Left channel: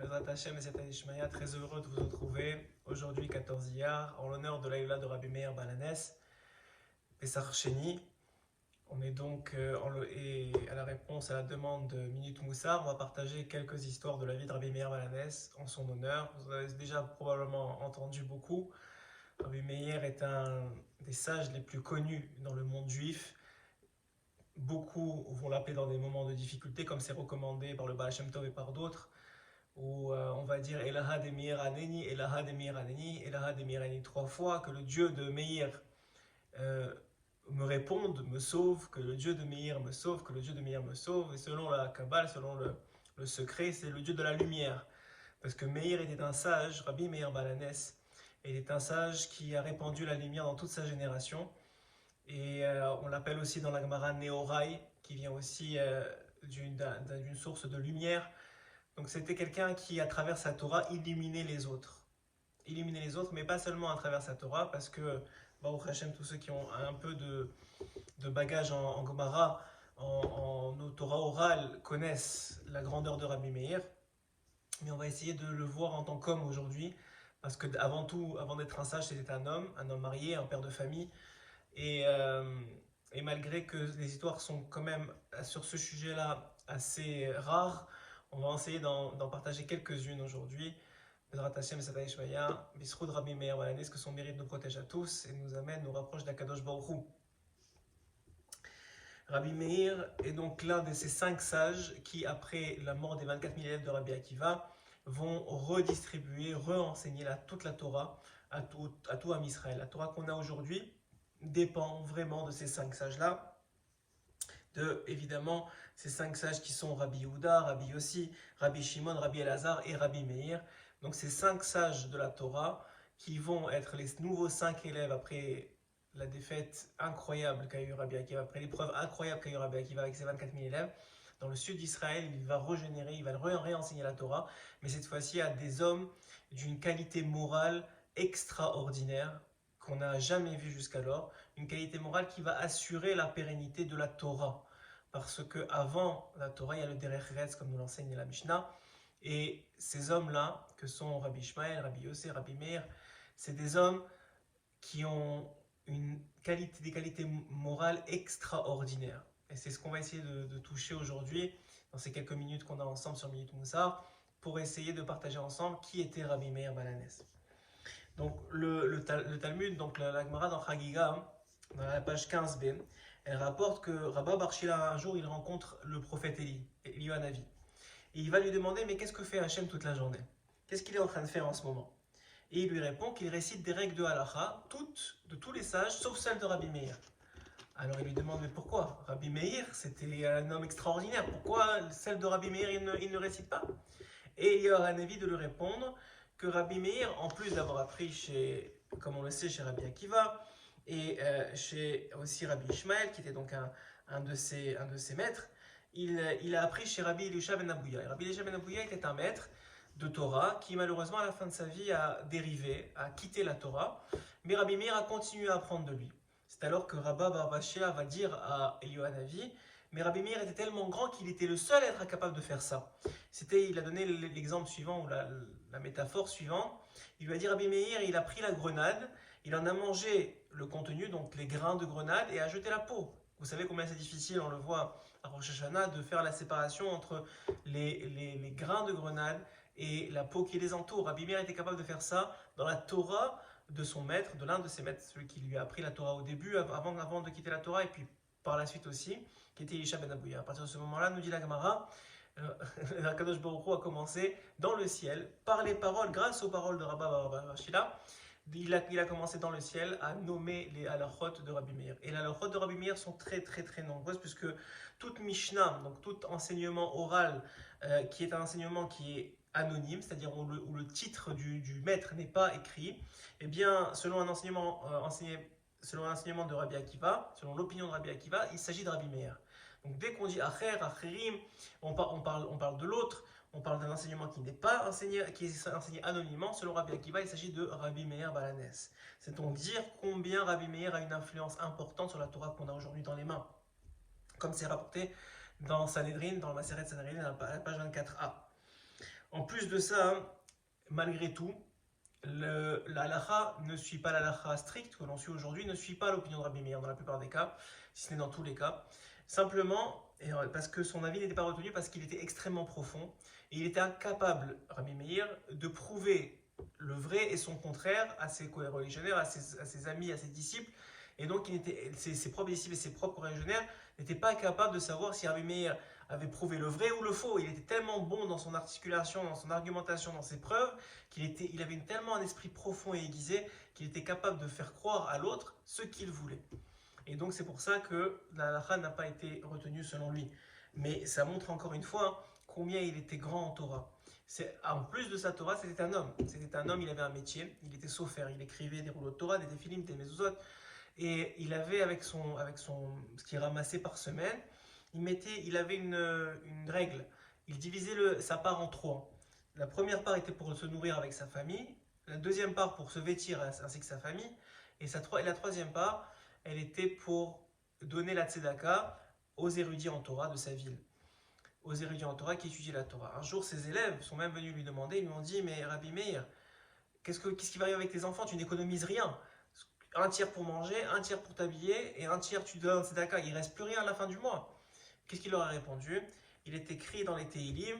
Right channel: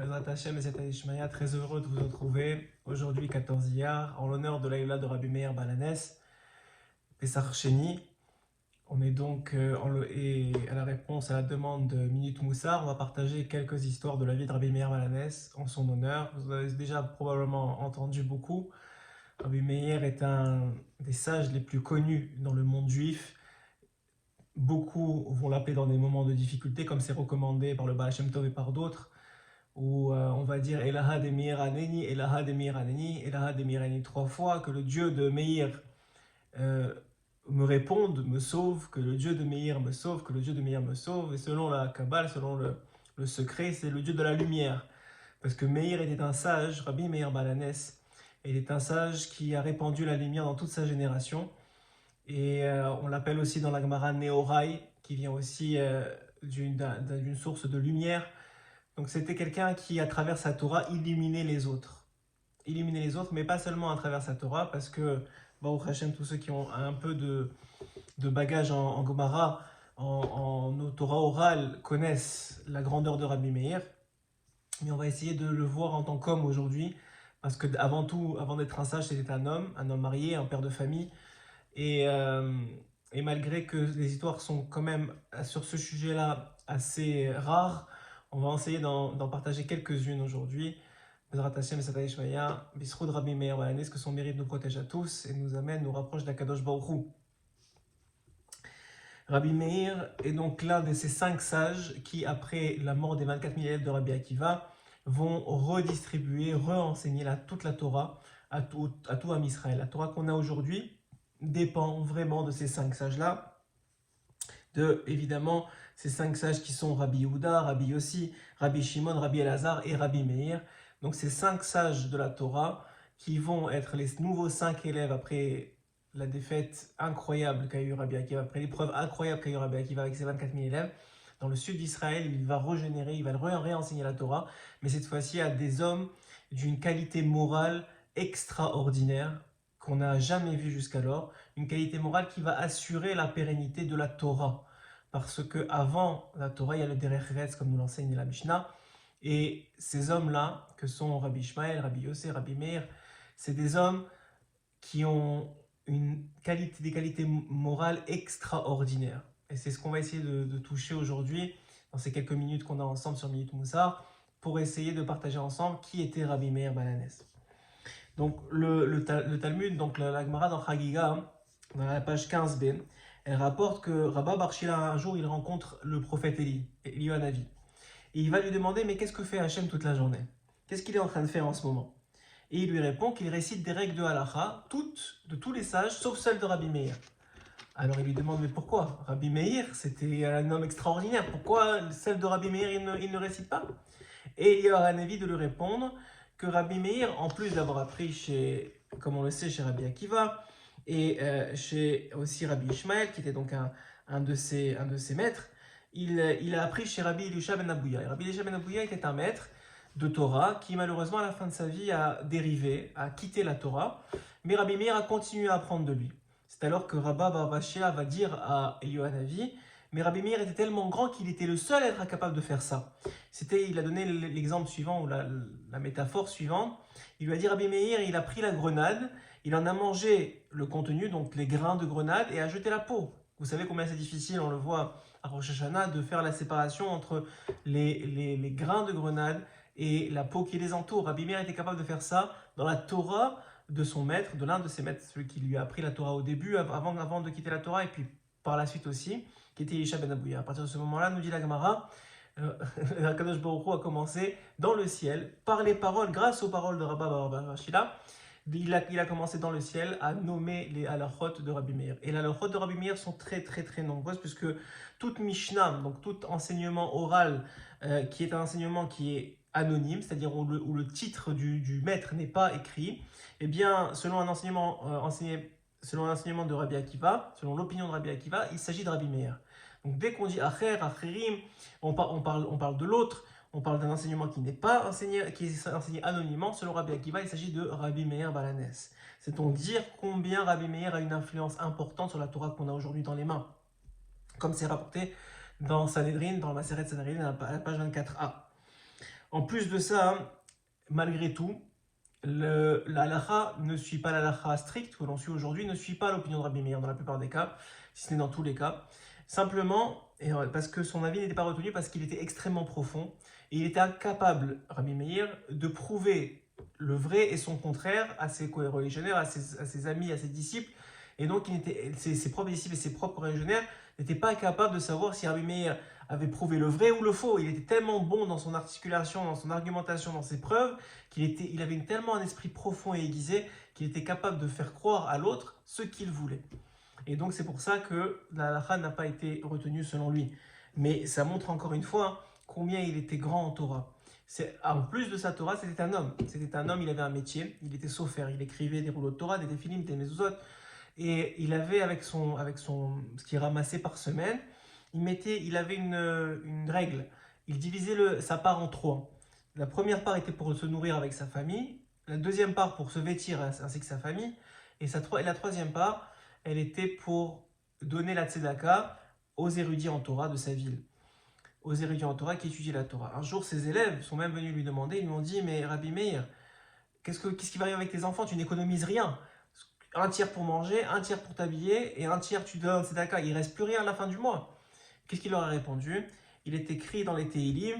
Bezrat Hashem et Zeta Ishmael, très heureux de vous retrouver aujourd'hui 14 Iyar en l'honneur de l'Aïla de Rabbi Meir Balanès, Pessar Sheni. On est donc et à la réponse à la demande de Minute Moussar, on va partager quelques histoires de la vie de Rabbi Meir Balanès en son honneur. Vous en avez déjà probablement entendu beaucoup. Rabbi Meir est un des sages les plus connus dans le monde juif. Beaucoup vont l'appeler dans des moments de difficulté, comme c'est recommandé par le Baal Shem Tov et par d'autres, où on va dire Elaha de Meir Aneni, Elaha de Meir Aneni, Elaha de Meir Aneni 3 fois, que le Dieu de Meir me réponde, me sauve, que le Dieu de Meir me sauve, que le Dieu de Meir me sauve. Et selon la Kabbale, selon le secret, c'est le Dieu de la lumière. Parce que Meir était un sage, Rabbi Meir Balanès, il est un sage qui a répandu la lumière dans toute sa génération. Et on l'appelle aussi dans la Gemara Neorai, qui vient aussi d'une source de lumière. Donc c'était quelqu'un qui, à travers sa Torah, illuminait les autres. Illuminait les autres, mais pas seulement à travers sa Torah, parce que, Baruch Hashem, tous ceux qui ont un peu de bagage en Gemara, en Torah orale, connaissent la grandeur de Rabbi Meir. Mais on va essayer de le voir en tant qu'homme aujourd'hui, parce que avant tout, avant d'être un sage, c'était un homme marié, un père de famille. Et malgré que les histoires sont quand même sur ce sujet-là assez rares, on va essayer d'en partager quelques-unes aujourd'hui. Bezrat Hashem, Zeta Ishmael, Bisroud Rabbi Meir Balanès, que son mérite nous protège à tous et nous amène, nous rapproche d'Akadosh Baruch Hu. Rabbi Meir est donc l'un de ces 5 sages qui, après la mort des 24 000 élèves de Rabbi Akiva, vont redistribuer, re-enseigner toute la Torah à tout Am Israël. La Torah qu'on a aujourd'hui dépend vraiment de ces 5 sages-là, évidemment ces 5 sages qui sont Rabbi Yehuda, Rabbi Yossi, Rabbi Shimon, Rabbi Elazar et Rabbi Meir. Donc ces 5 sages de la Torah qui vont être les nouveaux 5 élèves après la défaite incroyable qu'a eu Rabbi Akiva, après l'épreuve incroyable qu'a eu Rabbi Akiva avec ses 24 000 élèves. Dans le sud d'Israël, il va régénérer, il va réenseigner la Torah, mais cette fois-ci à des hommes d'une qualité morale extraordinaire, qu'on n'a jamais vu jusqu'alors, une qualité morale qui va assurer la pérennité de la Torah. Parce que avant la Torah, il y a le Derech Eretz, comme nous l'enseigne la Mishnah, et ces hommes-là, que sont Rabbi Ishmael, Rabbi Yossé, Rabbi Meir, c'est des hommes qui ont des qualités morales extraordinaires. Et c'est ce qu'on va essayer de toucher aujourd'hui, dans ces quelques minutes qu'on a ensemble sur Minute Moussar, pour essayer de partager ensemble qui était Rabbi Meir Balanès. Donc le Talmud, donc la Gemara dans Chagiga, dans la page 15b, elle rapporte que Rabba Bar Shila, un jour, il rencontre le prophète Eliyahu Hanavi. Et il va lui demander, mais qu'est-ce que fait Hachem toute la journée? Qu'est-ce qu'il est en train de faire en ce moment? Et il lui répond qu'il récite des règles de halakha, toutes, de tous les sages, sauf celles de Rabbi Meir. Alors il lui demande, mais pourquoi? Rabbi Meir, c'était un homme extraordinaire, pourquoi celles de Rabbi Meir, il ne récite pas? Et Eliyahu Hanavi de lui répondre que Rabbi Meir, en plus d'avoir appris comme on le sait, chez Rabbi Akiva, et chez aussi Rabbi Ishmael, qui était donc un de ses maîtres, il a appris chez Rabbi Elisha ben Abouya. Et Rabbi Elisha ben Abouya était un maître de Torah qui malheureusement à la fin de sa vie a dérivé, a quitté la Torah, mais Rabbi Meir a continué à apprendre de lui. C'est alors que Rabba Bar Bashia va dire à Eliyahu Hanavi, mais Rabbi Meir était tellement grand qu'il était le seul à être capable de faire ça. Il a donné l'exemple suivant, ou la métaphore suivante. Il lui a dit, Rabbi Meir, il a pris la grenade, il en a mangé le contenu, donc les grains de grenade, et a jeté la peau. Vous savez combien c'est difficile, on le voit à Rosh Hashanah, de faire la séparation entre les grains de grenade et la peau qui les entoure. Rabbi Meir était capable de faire ça dans la Torah de son maître, de l'un de ses maîtres, celui qui lui a appris la Torah au début, avant de quitter la Torah, et puis par la suite aussi, qui était Elisha ben Abouya. À partir de ce moment-là, nous dit la Gemara, Akadosh Baruch Hu a commencé dans le ciel, par les paroles, grâce aux paroles de Rabba Bar Shila, il a commencé dans le ciel à nommer les halachot de Rabbi Meir. Et les halachot de Rabbi Meir sont très très très nombreuses, puisque toute Mishnah, donc tout enseignement oral, qui est un enseignement qui est anonyme, c'est-à-dire où le titre du maître n'est pas écrit, eh bien, selon un enseignement de Rabbi Akiva, selon l'opinion de Rabbi Akiva, il s'agit de Rabbi Meir. Donc dès qu'on dit Acher, Acherim, on parle de l'autre, on parle d'un enseignement qui n'est pas enseigné, qui est enseigné anonymement. Selon Rabbi Akiva, il s'agit de Rabbi Meir Balanès. C'est donc dire combien Rabbi Meir a une influence importante sur la Torah qu'on a aujourd'hui dans les mains. Comme c'est rapporté dans Sanhedrin, dans la Maseret Sanhedrin, à la page 24a. En plus de ça, malgré tout, la halakha ne suit pas la halakha stricte que l'on suit aujourd'hui, ne suit pas l'opinion de Rabbi Meir dans la plupart des cas, si ce n'est dans tous les cas. Simplement, parce que son avis n'était pas retenu, parce qu'il était extrêmement profond, et il était incapable, Rabbi Meir, de prouver le vrai et son contraire à ses co-religionnaires, à ses amis, à ses disciples, et donc ses propres disciples et ses propres religionnaires n'étaient pas capables de savoir si Rabbi Meir avait prouvé le vrai ou le faux. Il était tellement bon dans son articulation, dans son argumentation, dans ses preuves, il avait tellement un esprit profond et aiguisé qu'il était capable de faire croire à l'autre ce qu'il voulait. Et donc c'est pour ça que la halakha n'a pas été retenue selon lui. Mais ça montre encore une fois combien il était grand en Torah. En plus de sa Torah, c'était un homme. C'était un homme, il avait un métier, il était sophère, il écrivait des rouleaux de Torah, des téfilim, des mezuzot. Et il avait avec ce qu'il ramassait par semaine, il avait une règle. Il divisait sa part en trois. La première part était pour se nourrir avec sa famille, la deuxième part pour se vêtir ainsi que sa famille, et la troisième part, elle était pour donner la tzedaka aux érudits en Torah de sa ville, aux érudits en Torah qui étudiaient la Torah. Un jour, ses élèves sont même venus lui demander, ils lui ont dit, mais Rabbi Meir, qu'est-ce qui va arriver avec tes enfants? Tu n'économises rien. Un tiers pour manger, un tiers pour t'habiller, et un tiers tu donnes tzedaka. Il ne reste plus rien à la fin du mois. Qu'est-ce qu'il leur a répondu? Il est écrit dans les Tehillim,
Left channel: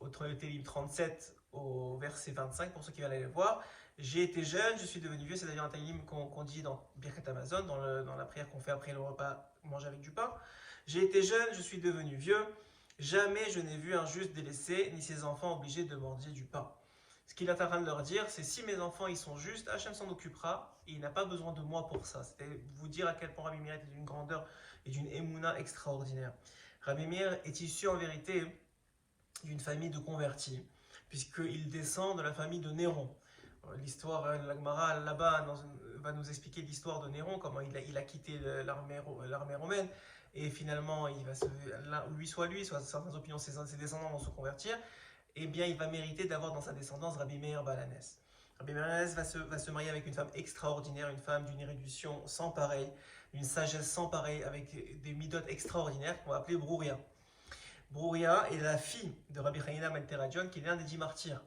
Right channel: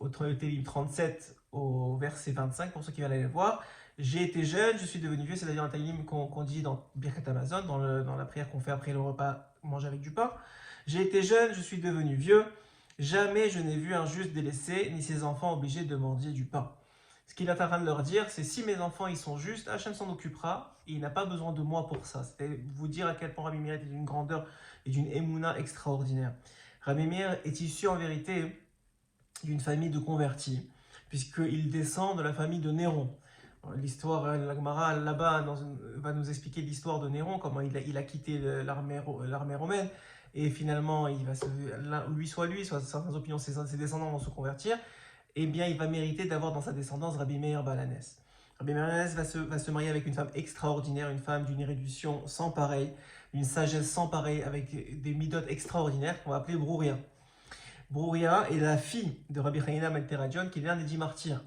au Tehillim 37 au verset 25, pour ceux qui veulent aller le voir. J'ai été jeune, je suis devenu vieux. C'est d'ailleurs un Tehillim qu'on dit dans Birkat Hamazon, dans la prière qu'on fait après le repas manger avec du pain. J'ai été jeune, je suis devenu vieux. Jamais je n'ai vu un juste délaissé, ni ses enfants obligés de mendier du pain. Ce qu'il est en train de leur dire, c'est si mes enfants ils sont justes, Hachem s'en occupera et il n'a pas besoin de moi pour ça. C'était vous dire à quel point Rabbi Meir est d'une grandeur et d'une émouna extraordinaire. Rabbi Meir est issu en vérité d'une famille de convertis, puisqu'il descend de la famille de Néron. L'histoire, la Gemara là-bas va nous expliquer l'histoire de Néron, comment il a quitté l'armée romaine, et finalement, soit certaines opinions, ses descendants vont se convertir, et bien il va mériter d'avoir dans sa descendance Rabbi Meir Balanès. Rabbi Meir Balanès va se marier avec une femme extraordinaire, une femme d'une érudition sans pareil, d'une sagesse sans pareil, avec des midotes extraordinaires qu'on va appeler Brouria. Brouria est la fille de Rabbi Hanina ben Teradion, qui est l'un des 10 martyrs.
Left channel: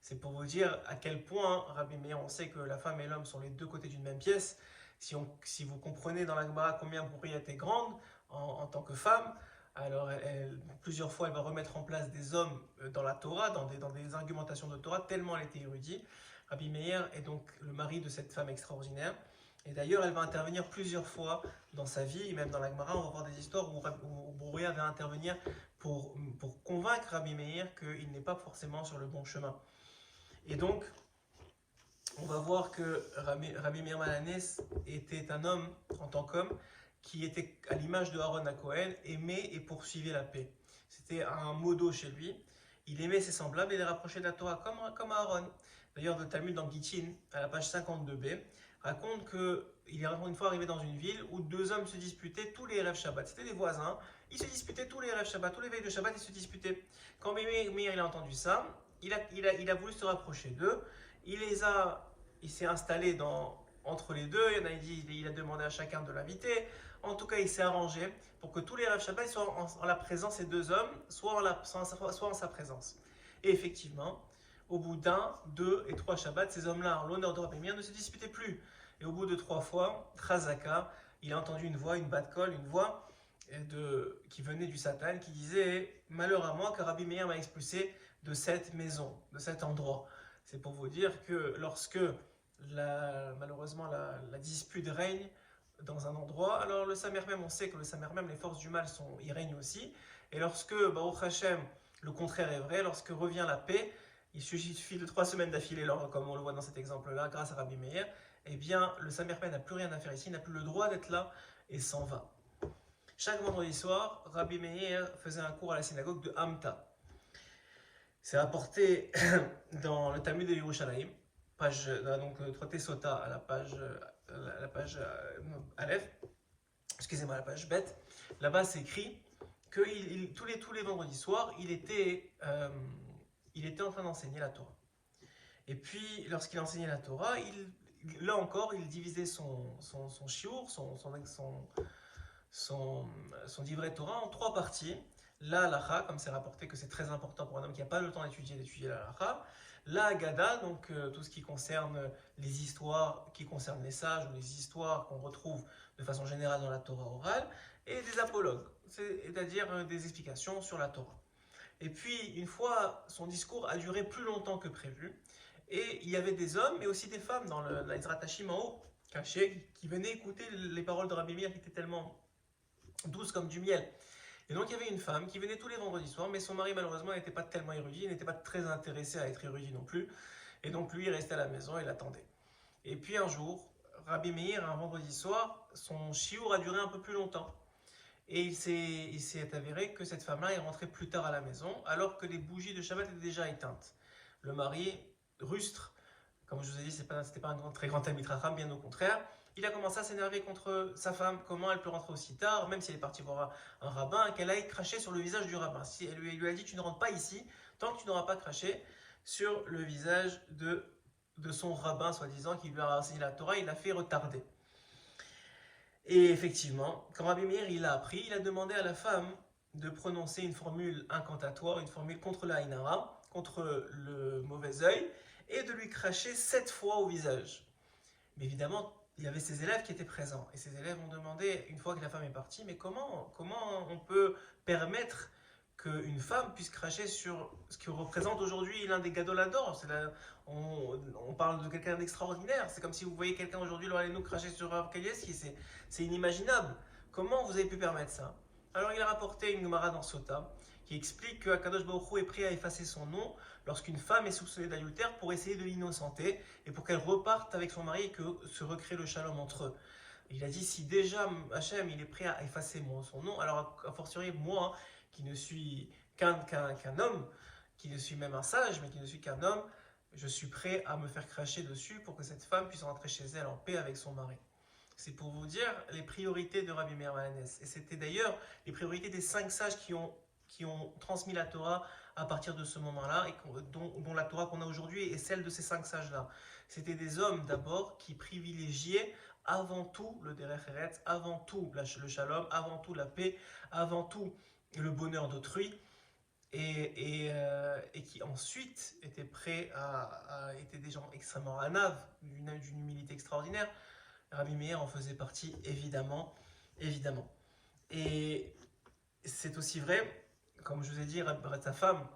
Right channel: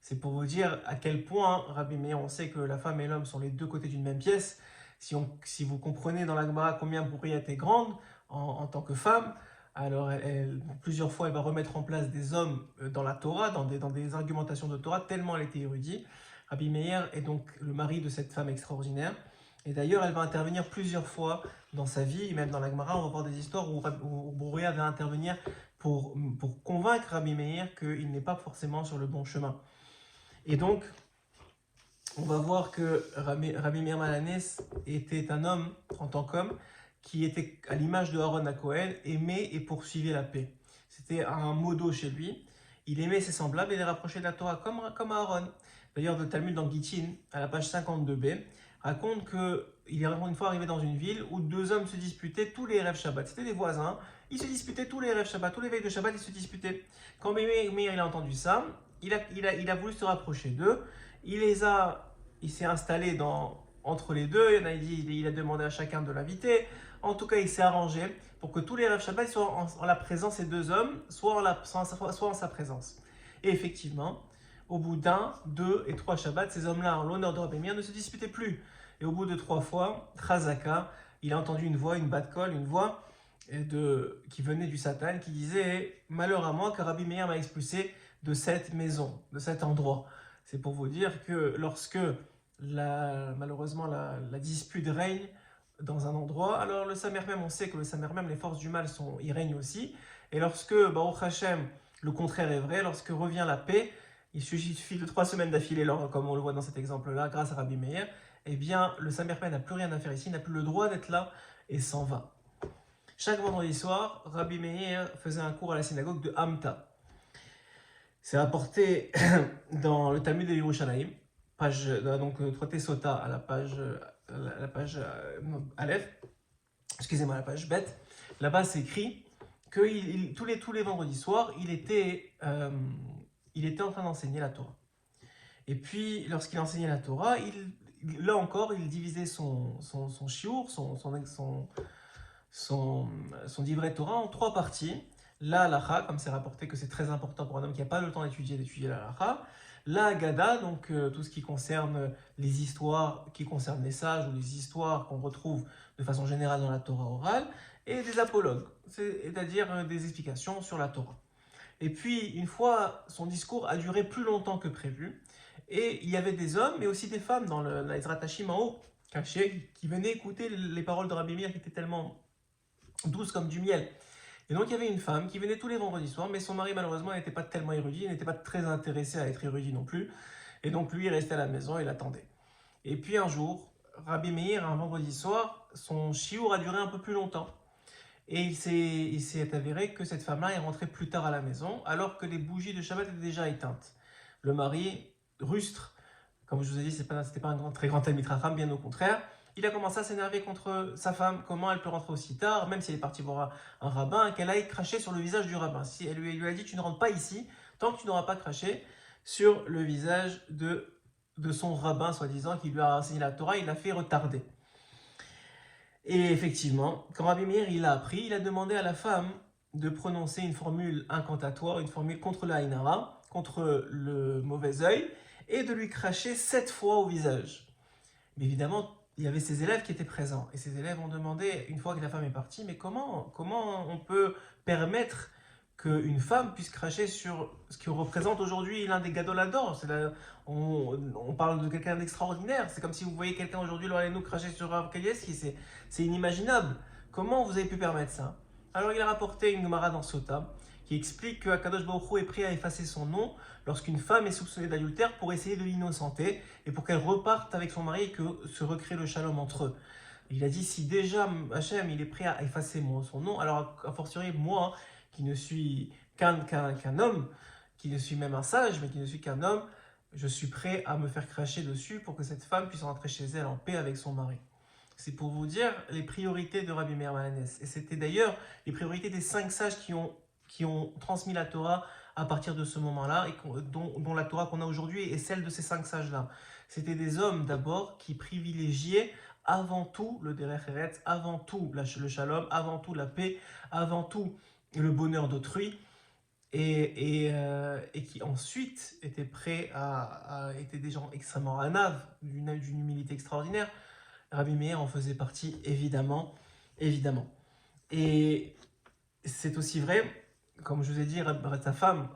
C'est pour vous dire à quel point Rabbi Meir, on sait que la femme et l'homme sont les deux côtés d'une même pièce. Si vous comprenez dans la Gemara combien Brouria était grande en tant que femme, alors plusieurs fois elle va remettre en place des hommes dans la Torah, dans des argumentations de Torah, tellement elle était érudite. Rabbi Meir est donc le mari de cette femme extraordinaire. Et d'ailleurs, elle va intervenir plusieurs fois dans sa vie, même dans la Gemara, on va voir des histoires où Brouria va intervenir pour convaincre Rabbi Meir qu'il n'est pas forcément sur le bon chemin. Et donc, on va voir que Rabbi Meir Balanès était un homme, en tant qu'homme, qui était à l'image de Aaron HaKohen, aimait et poursuivait la paix. C'était un modo chez lui. Il aimait ses semblables et les rapprochait de la Torah comme Aaron. D'ailleurs, le Talmud dans Gittin, à la page 52b, raconte qu'il est une fois arrivé dans une ville où deux hommes se disputaient tous les Erev Shabbat. C'était des voisins, ils se disputaient tous les Erev Shabbat, tous les veilles de Shabbat, ils se disputaient. Quand Meir a entendu ça, il a voulu se rapprocher d'eux, il s'est installé entre les deux, il a demandé à chacun de l'inviter. En tout cas, il s'est arrangé pour que tous les Erev Shabbat soient en la présence des deux hommes, soit en sa présence. Et effectivement, au bout d'un, deux et trois Shabbats, ces hommes-là, en l'honneur de Rabbi Meir, ne se disputaient plus. Et au bout de 3 fois, Chazaka, il a entendu une voix, une bat kol, une voix qui venait du Satan, qui disait « Malheur à moi, car Rabbi Meir m'a expulsé de cette maison, de cet endroit. » C'est pour vous dire que lorsque malheureusement la dispute règne dans un endroit, alors le Samer même, on sait que le Samer même, les forces du mal y règnent aussi. Et lorsque, Baruch Hashem, le contraire est vrai, lorsque revient la paix, il suffit de 3 semaines d'affilée, comme on le voit dans cet exemple-là, grâce à Rabbi Meir, eh bien, le Samer n'a plus rien à faire ici, n'a plus le droit d'être là et s'en va. Chaque vendredi soir, Rabbi Meir faisait un cours à la synagogue de Hamta. C'est rapporté dans le Talmud de Yerushalayim, donc traité Sota à la page Aleph, excusez-moi, la page Bet. Là-bas, c'est écrit que tous les vendredis soirs, il était en train d'enseigner la Torah. Et puis, lorsqu'il enseignait la Torah, là encore, il divisait son shiur, son divrei Torah en 3 parties. la halacha, comme c'est rapporté que c'est très important pour un homme qui n'a pas le temps d'étudier la halacha, la Haggadah, donc tout ce qui concerne les histoires qui concernent les sages ou les histoires qu'on retrouve de façon générale dans la Torah orale, et des apologues, c'est-à-dire des explications sur la Torah. Et puis, une fois, son discours a duré plus longtemps que prévu, et il y avait des hommes, mais aussi des femmes dans l'Ezrat Hashim en haut, cachés, qui venaient écouter les paroles de Rabbi Meir qui étaient tellement douces comme du miel. Et donc il y avait une femme qui venait tous les vendredis soirs, mais son mari malheureusement n'était pas tellement érudit, il n'était pas très intéressé à être érudit non plus, et donc lui il restait à la maison et l'attendait. Et puis un jour, Rabbi Meir, un vendredi soir, son chiour a duré un peu plus longtemps. Et il s'est avéré que cette femme-là est rentrée plus tard à la maison, alors que les bougies de Shabbat étaient déjà éteintes. Le mari, rustre, comme je vous ai dit, c'était pas un très grand Talmid Chacham, bien au contraire, il a commencé à s'énerver contre sa femme. Comment elle peut rentrer aussi tard, même si elle est partie voir un rabbin, qu'elle aille cracher sur le visage du rabbin. Si elle lui a dit, tu ne rentres pas ici, tant que tu n'auras pas craché sur le visage de son rabbin, soi-disant, qui lui a enseigné la Torah, il l'a fait retarder. Et effectivement, quand Rabbi Meir il a appris, il a demandé à la femme de prononcer une formule incantatoire, une formule contre la Ainara, contre le mauvais œil, et de lui cracher 7 fois au visage. Mais évidemment, il y avait ses élèves qui étaient présents. Et ces élèves ont demandé, une fois que la femme est partie, mais comment on peut permettre qu'une femme puisse cracher sur ce qui représente aujourd'hui l'un des gadoladors. On parle de quelqu'un d'extraordinaire. C'est comme si vous voyez quelqu'un aujourd'hui, nous cracher sur Rav Kanievski. C'est inimaginable. Comment vous avez pu permettre ça? Alors il a rapporté une Gemara dans Sota qui explique que Akadosh Baruch Hu est prêt à effacer son nom lorsqu'une femme est soupçonnée d'adultère pour essayer de l'innocenter et pour qu'elle reparte avec son mari et que se recrée le shalom entre eux. Il a dit, si déjà Hachem il est prêt à effacer son nom, alors a fortiori moi, qui ne suis qu'un homme, qui ne suis même un sage, mais qui ne suis qu'un homme, je suis prêt à me faire cracher dessus pour que cette femme puisse rentrer chez elle en paix avec son mari. C'est pour vous dire les priorités de Rabbi Meir Balanès. Et c'était d'ailleurs les priorités des 5 sages qui ont transmis la Torah à partir de ce moment-là, et dont la Torah qu'on a aujourd'hui est celle de ces 5 sages-là. C'était des hommes d'abord qui privilégiaient avant tout le Derech Eretz, avant tout le shalom, avant tout la paix, avant tout le bonheur d'autrui, et qui ensuite étaient prêts étaient des gens extrêmement anaves, d'une humilité extraordinaire. Rabbi Meir en faisait partie, évidemment. Et c'est aussi vrai, comme je vous ai dit, sa femme,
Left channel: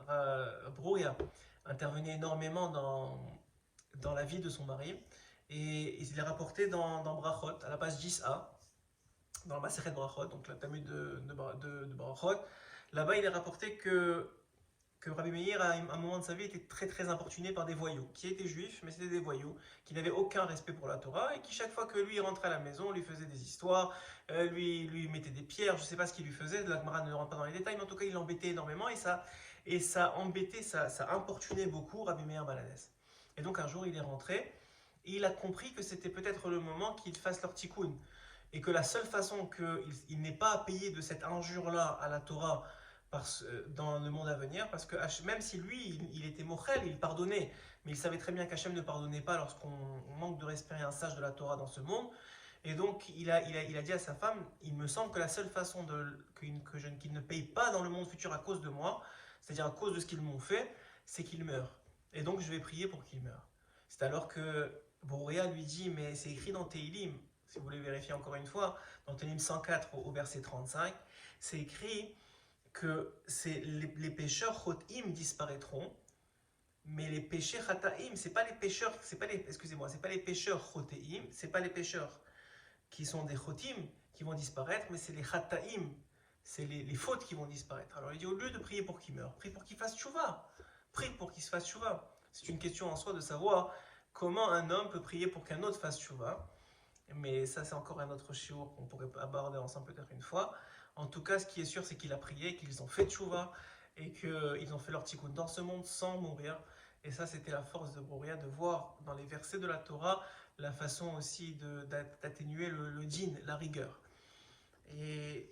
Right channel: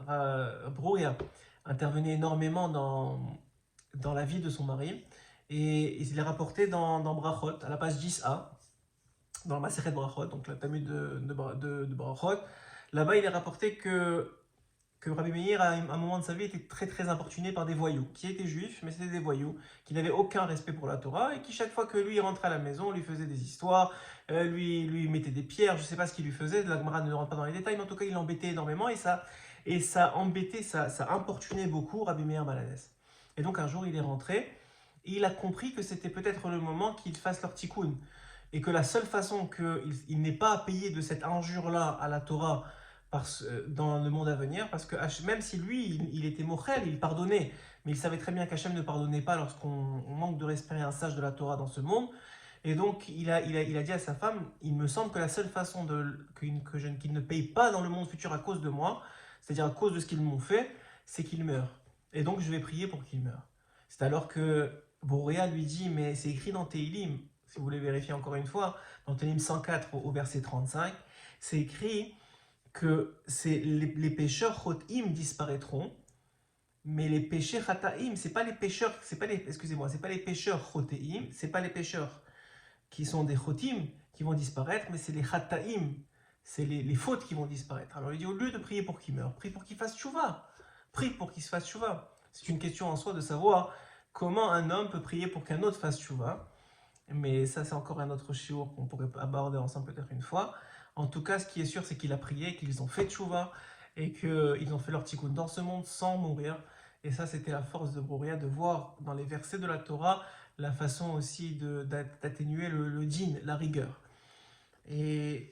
Brouya, intervenait énormément dans la vie de son mari. Et il est rapporté dans Brachot, à la page 10a, dans le Masechet Brachot, donc le Talmud de Brachot. Là-bas, il est rapporté que Rabbi Meir, à un moment de sa vie, était très très importuné par des voyous, qui étaient juifs, mais c'était des voyous, qui n'avaient aucun respect pour la Torah, et qui chaque fois que lui rentrait à la maison, lui faisait des histoires, lui mettait des pierres, je ne sais pas ce qu'il lui faisait, la Gemara ne rentre pas dans les détails, mais en tout cas il l'embêtait énormément, et ça embêtait, ça importunait beaucoup Rabbi Meir Balanès. Et donc un jour il est rentré, et il a compris que c'était peut-être le moment qu'ils fassent leur tikkun, et que la seule façon qu'il n'ait pas à payer de cette injure-là à la Torah, dans le monde à venir, parce que même si lui, il était mochel, il pardonnait, mais il savait très bien qu'Hachem ne pardonnait pas lorsqu'on manque de respect à un sage de la Torah dans ce monde, et donc il a dit à sa femme, il me semble que la seule façon qu'il ne paye pas dans le monde futur à cause de moi, c'est-à-dire à cause de ce qu'ils m'ont fait, c'est qu'il meure. Et donc je vais prier pour qu'il meure. C'est alors que Boréa lui dit, mais c'est écrit dans Tehillim, si vous voulez vérifier encore une fois, dans Tehillim 104 au verset 35, c'est écrit que les pécheurs chotim disparaîtront, mais les péchés chataim, c'est pas les pécheurs chotéim, c'est pas les pécheurs qui sont des chotim qui vont disparaître, mais c'est les chataim, c'est les fautes qui vont disparaître. Alors il dit, au lieu de prier pour qu'il meure, prie pour qu'il fasse tchouva, prie pour qu'il se fasse tchouva. C'est une question en soi de savoir comment un homme peut prier pour qu'un autre fasse tchouva, mais ça c'est encore un autre shiur qu'on pourrait aborder ensemble peut-être une fois. En tout cas, ce qui est sûr, c'est qu'il a prié, qu'ils ont fait tchouva, et qu'ils ont fait leur tikkun dans ce monde sans mourir. Et ça, c'était la force de Brouya, de voir dans les versets de la Torah la façon aussi d'atténuer le din, la rigueur. Et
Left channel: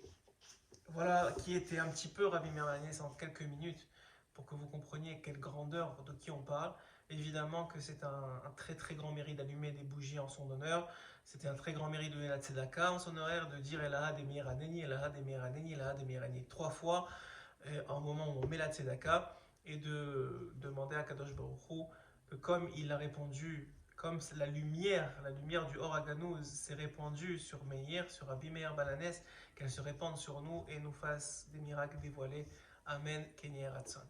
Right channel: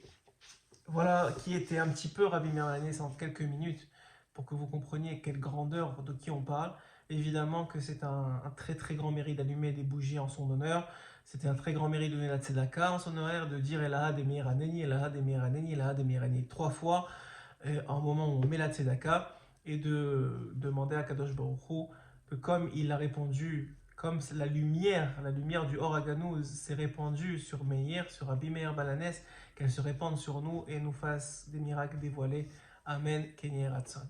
voilà qui était un petit peu Rabbi Meir Balanès en quelques minutes, pour que vous compreniez quelle grandeur de qui on parle. Évidemment que c'est un très très grand mérite d'allumer des bougies en son honneur. C'était un très grand mérite de donner la tzedaka en son honneur, de dire Elaha de Meir Haneni, Elaha de Meir Haneni, Elaha de Meir Haneni 3 fois. au moment où on met la tzedaka, et de demander à Kadosh Baruch Hu que comme il a répondu, comme la lumière du Or HaGanuz s'est répandue sur Meir, sur Rabbi Meir Balanes, qu'elle se répande sur nous et nous fasse des miracles dévoilés. Amen. Kenye Ratzon.